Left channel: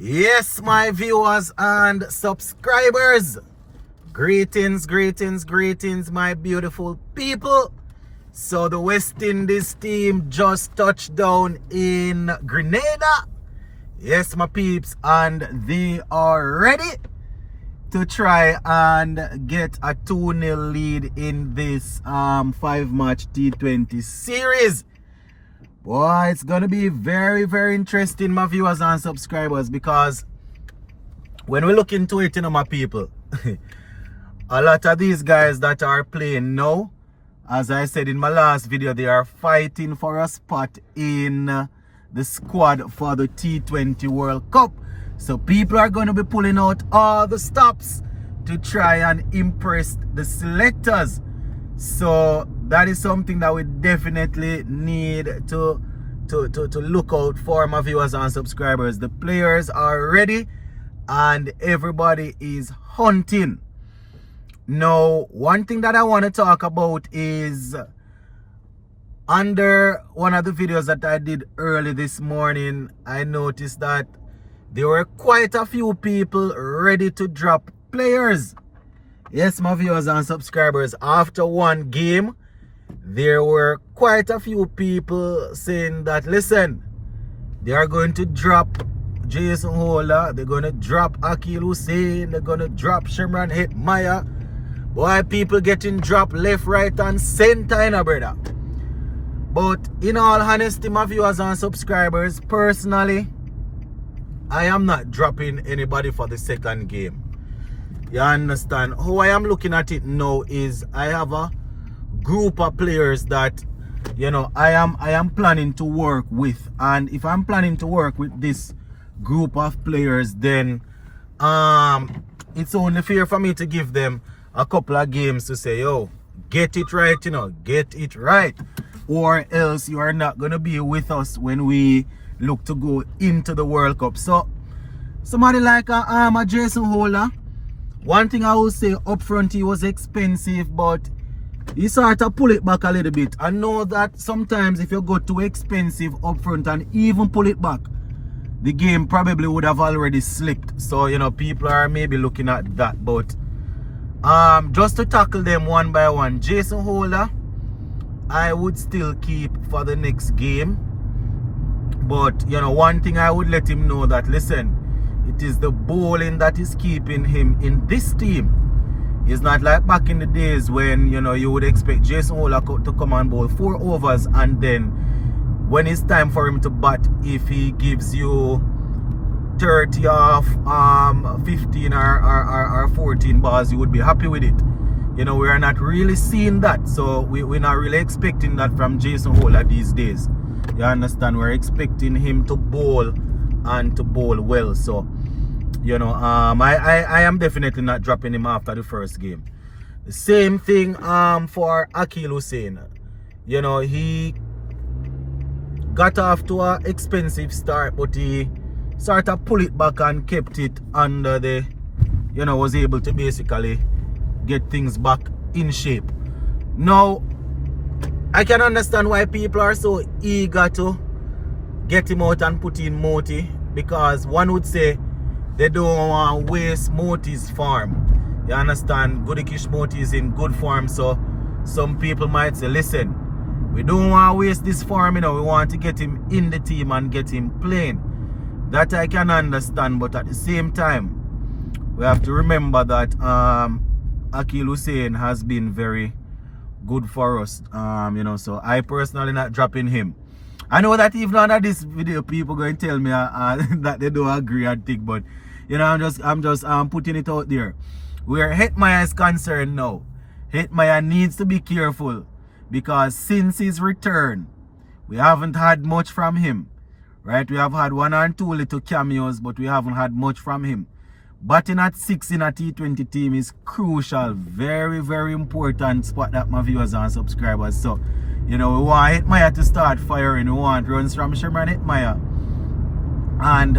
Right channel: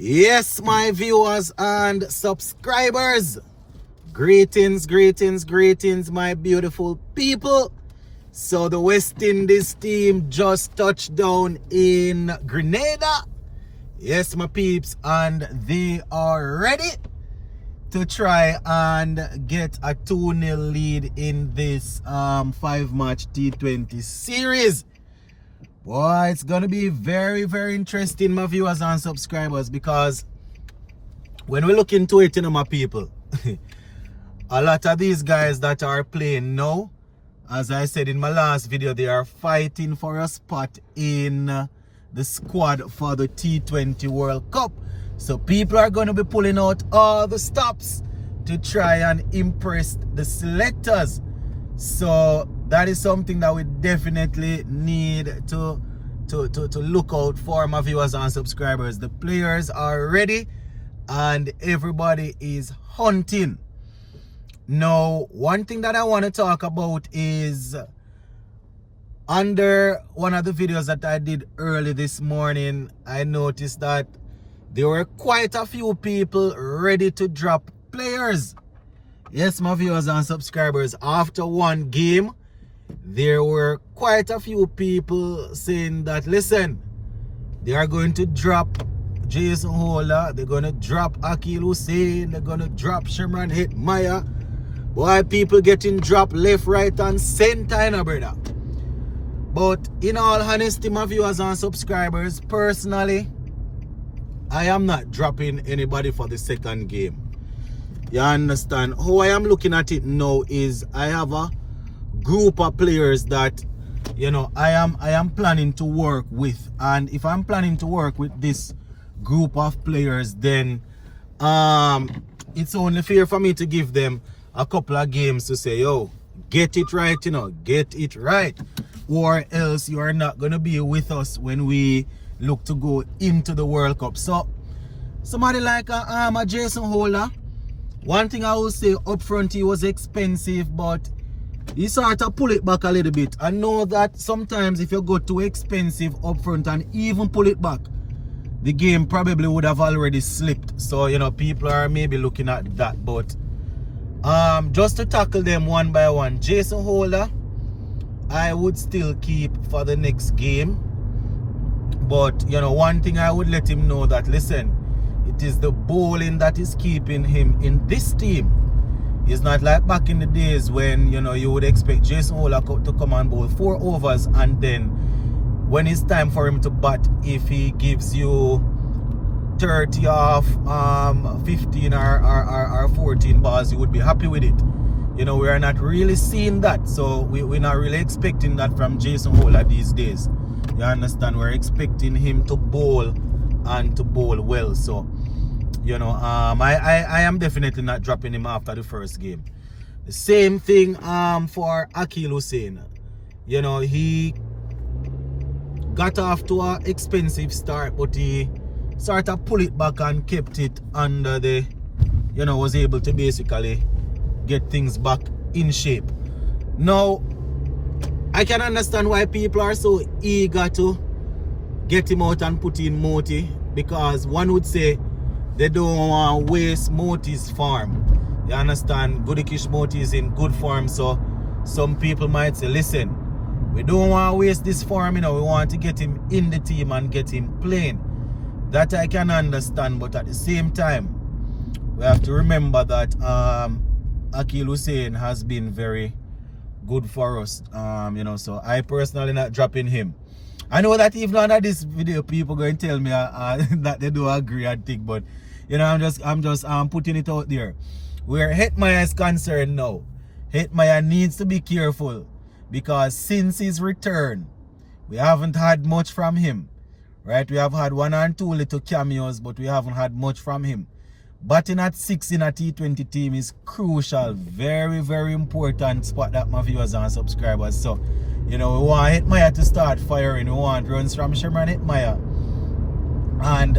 Yes, my viewers and subscribers. Greetings, greetings, greetings, my beautiful people. So the West Indies team just touched down in Grenada. Yes, my peeps, and they are ready to try and get a 2-0 lead in this 5-match T20 series. Boy, it's going to be very, very interesting, my viewers and subscribers, because when we look into it, my people, a lot of these guys that are playing now, as I said in my last video, they are fighting for a spot in the squad for the T20 World Cup. So people are going to be pulling out all the stops to try and impress the selectors. So that is something that we definitely need to look out for, my viewers and subscribers. The players are ready and everybody is hunting. Now, one thing that I want to talk about is under one of the videos that I did early this morning, I noticed that there were quite a few people ready to drop players. Yes, my viewers and subscribers, after one game, there were quite a few people saying that, listen, they are going to drop Jason Holder, they're going to drop Akeal Hosein, they're going to drop Shimron Hetmyer. Why people getting dropped left, right, and center, brother? But in all honesty, my viewers and subscribers, personally, I am not dropping anybody for the second game. You understand? How I am looking at it now is I have a group of players that, you know, I am planning to work with. And if I'm planning to work with this group of players, then it's only fair for me to give them a couple of games to say, yo, get it right, get it right. Or else you are not going to be with us when we look to go into the World Cup. So somebody like a Jason Holder, one thing I will say up front, he was expensive, but he sort of pull it back a little bit. I know that sometimes if you go too expensive up front and even pull it back, the game probably would have already slipped. So, you know, people are maybe looking at that. But just to tackle them one by one, Jason Holder, I would still keep for the next game. But, you know, one thing I would let him know that, listen, it is the bowling that is keeping him in this team. It's not like back in the days when, you know, you would expect Jason Holder to come and bowl 4 overs, and then when it's time for him to bat, if he gives you 30 off 15 or 14 balls, you would be happy with it. You know, we are not really seeing that. So we're not really expecting that from Jason Holder these days. You understand? We're expecting him to bowl and to bowl well. So, you know, I am definitely not dropping him after the first game. The same thing for Akeal Hosein. You know, he got off to an expensive start, but he sort of pulled it back and kept it under the, you know, was able to basically get things back in shape. Now, I can understand why people are so eager to get him out and put in Moti, because one would say they don't want to waste Moti's form. You understand? Gudakesh Motie is in good form, so some people might say, listen, we don't want to waste this form, you know, we want to get him in the team and get him playing. That I can understand, but at the same time, we have to remember that Akeal Hosein has been very good for us, you know, so I personally not dropping him. I know that even under this video, people going to tell me that they don't agree and think, but you know, I'm just putting it out there. Where Hetmyer is concerned now, Hetmyer needs to be careful, because since his return, we haven't had much from him, right? We have had 1 or 2 little cameos, but we haven't had much from him. Batting at 6 in a T20 team is crucial, very, very important spot that my viewers and subscribers. So, you know, we want Hetmyer to start firing. We want runs from Shimron Hetmyer. And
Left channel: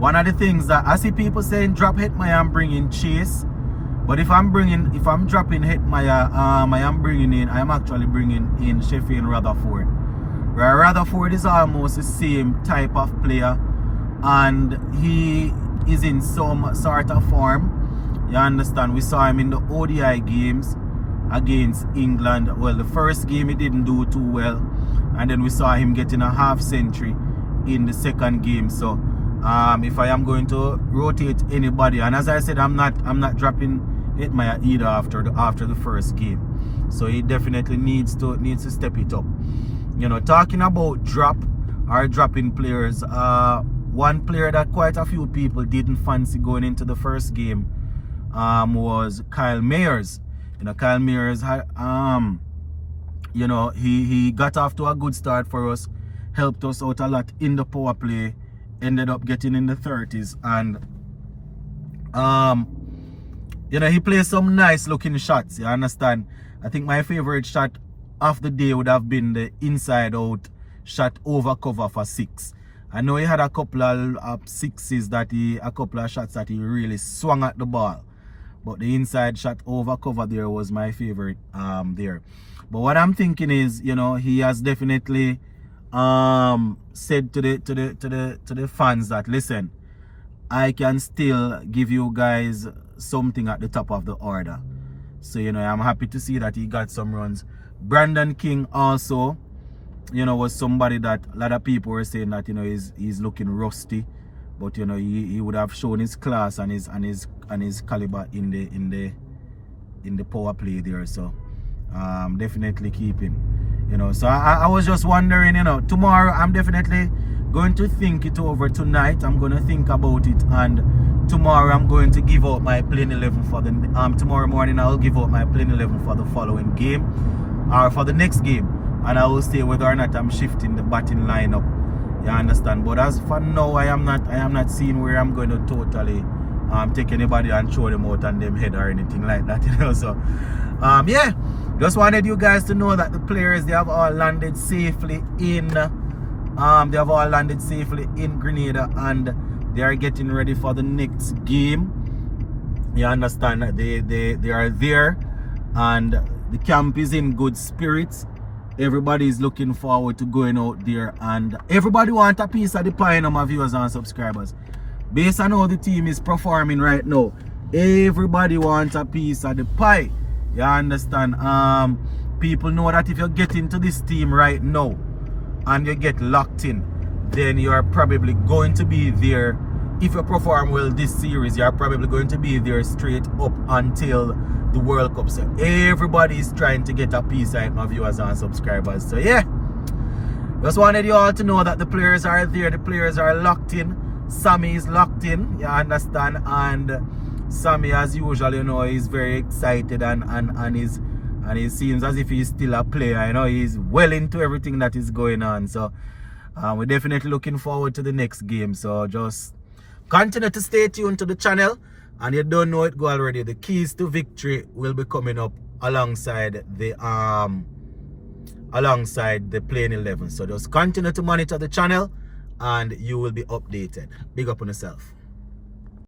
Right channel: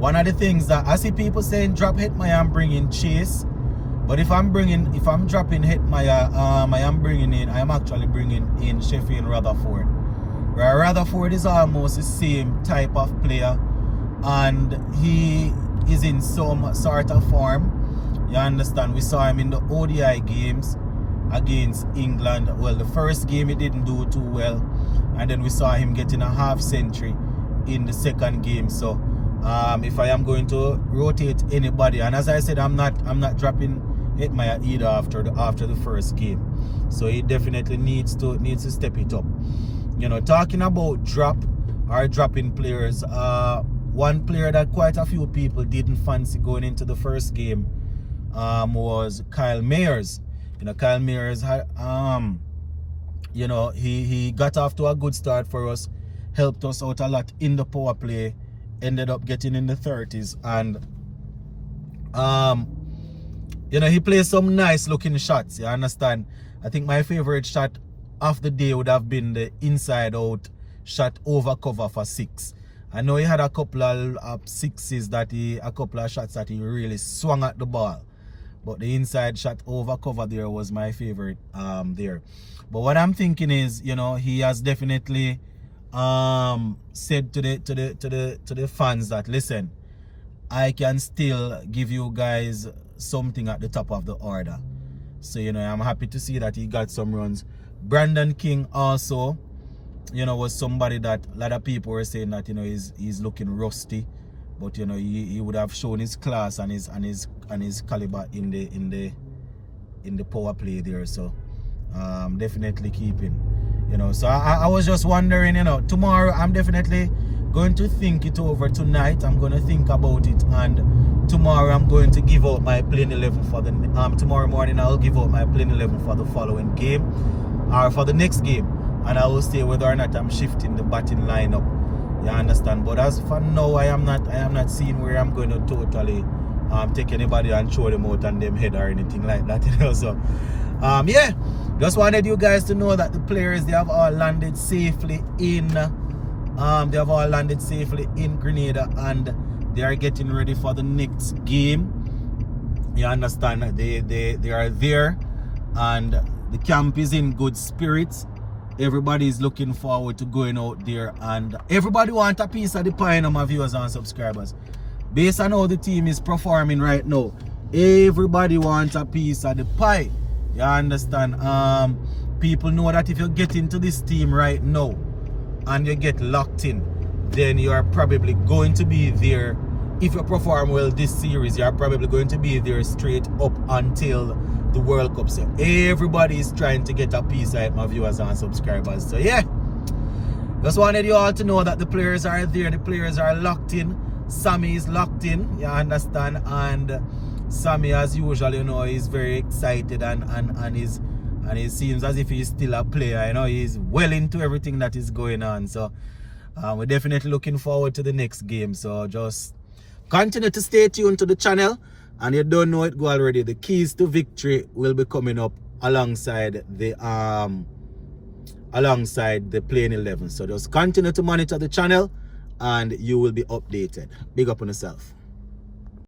one of the things that I see people saying, drop Hetmyer and bring in Chase. But if I'm dropping Hetmyer, I'm actually bringing in Sheffield Rutherford. Rutherford is almost the same type of player and he is in some sort of form. You understand? We saw him in the ODI games against England. Well, the first game he didn't do too well, and then we saw him getting a half century in the second game. So if I am going to rotate anybody, and as I said, I'm not dropping Hetmyer either after the first game. So he definitely needs to step it up. You know, talking about dropping players, one player that quite a few people didn't fancy going into the first game was Kyle Mayers. You know, Kyle Mayers had you know, he got off to a good start for us, helped us out a lot in the power play, ended up getting in the 30s, and you know, he plays some nice looking shots. You understand? I think my favorite shot of the day would have been the inside out shot over cover for 6. I know he had a couple of sixes a couple of shots that he really swung at the ball, but the inside shot over cover there was my favorite there. But what I'm thinking is, you know, he has definitely said to the fans that, listen, I can still give you guys something at the top of the order. So, you know, I'm happy to see that he got some runs. Brandon King also, you know, was somebody that a lot of people were saying that, you know, he's looking rusty, but you know, he would have shown his class and his caliber in the power play there. So definitely keeping, you know. So I was just wondering, you know, tomorrow I'm definitely going to think it over tonight. I'm going to think about it, and tomorrow I'm going to give out my playing 11 for the tomorrow morning. I'll give out my playing 11 for the following game, or for the next game, and I will say whether or not I'm shifting the batting lineup. You understand? But as for now, I am not seeing where I'm going to totally take anybody and throw them out on them head or anything like that, you know. So yeah, just wanted you guys to know that the players, they have all landed safely in Grenada, and they are getting ready for the next game. You understand? They are there, and the camp is in good spirits. Everybody is looking forward to going out there, and everybody wants a piece of the pie, my viewers and subscribers. Based on how the team is performing right now, everybody wants a piece of the pie. You understand? People know that if you get into this team right now and you get locked in, then you are probably going to be there. If you perform well this series, you are probably going to be there straight up until the World Cup. So everybody is trying to get a piece of it, my viewers and subscribers. So yeah, just wanted you all to know that the players are there, the players are locked in. Sammy is locked in, you understand, and Sammy, as usual, you know, is very excited and he seems as if he's still a player. You know, he's well into everything that is going on. So we're definitely looking forward to the next game. So just continue to stay tuned to the channel, and you don't know it go already, the keys to victory will be coming up alongside the playing 11. So just continue to monitor the channel and you will be updated. Big up on yourself.